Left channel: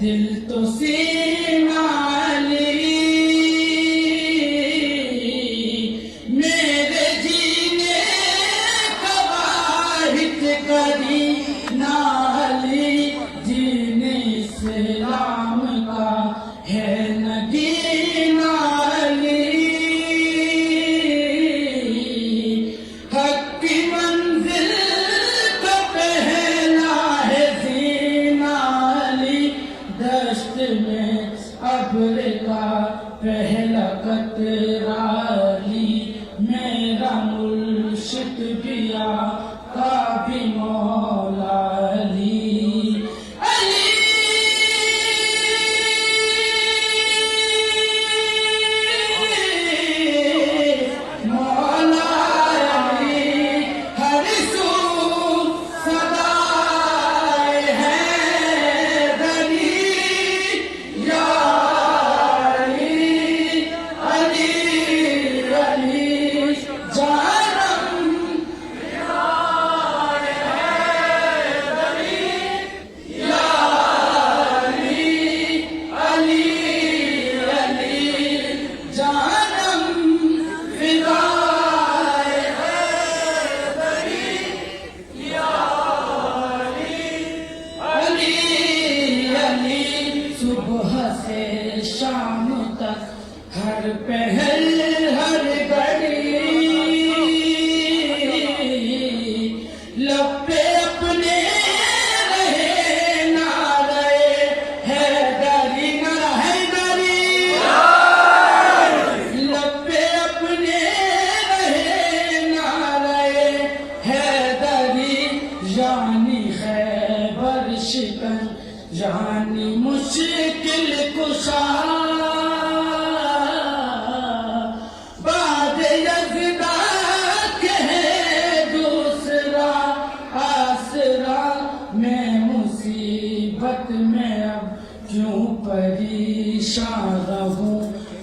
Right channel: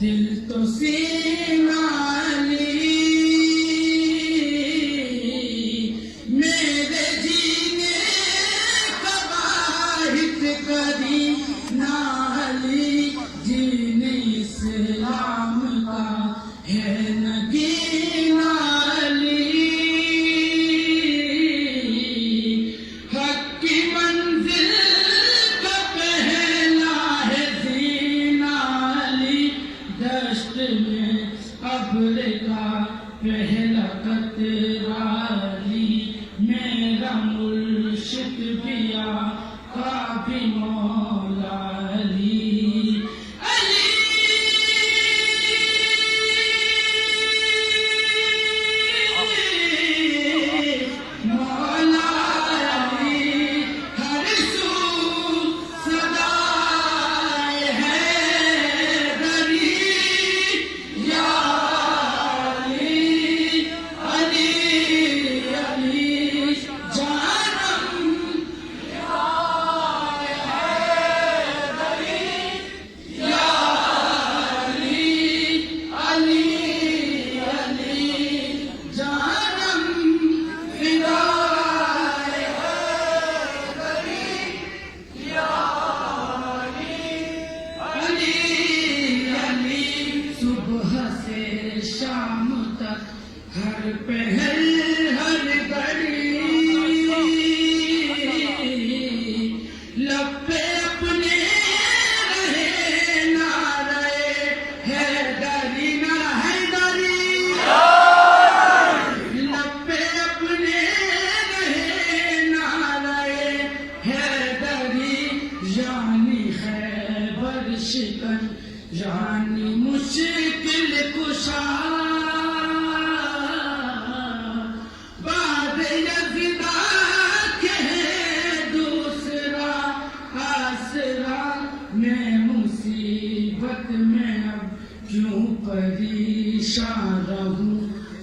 दिल तो सीना ली मेरे जीने खवाहिश कदी नाली जीने इस्लाम का है नगीना ली हक की मंजिल का पहला है जीना ली दश्त में अब्र का पहला कतरा ली मेरा मुर्शिद भी आका भी मौला अली अली मौला अली हर सू सदाए हैदरी या अली अली अली जानम सुबह से शाम तक हर पहर हर घड़ी लब पे अपने रहे ना रहे हैदरी ना हैदरी लब पे अपने रहे ना रहे हैदरी यानी खैबर शिकन यानी मुश्किल कुशा बाद यज़दा के है दूसरा आसरा मैं मुसीबत में अब क्यों परेशान रहूं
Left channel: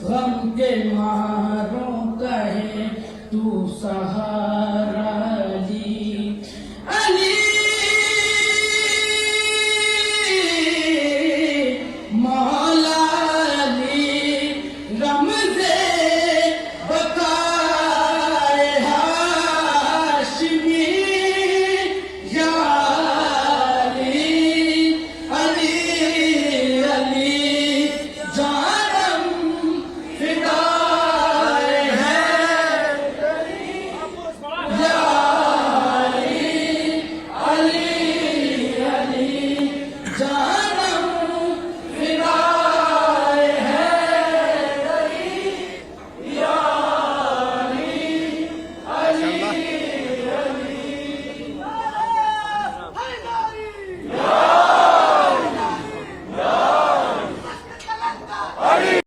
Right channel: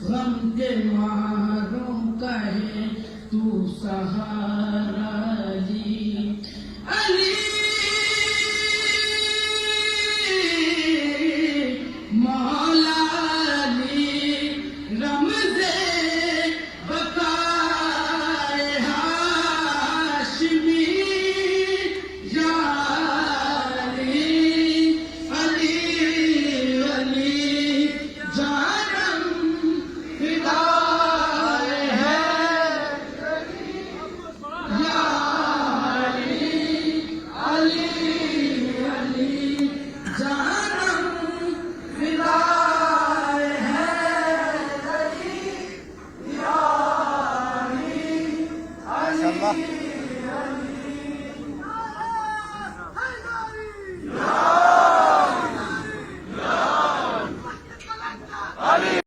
गम के मारों कहे तू सहारा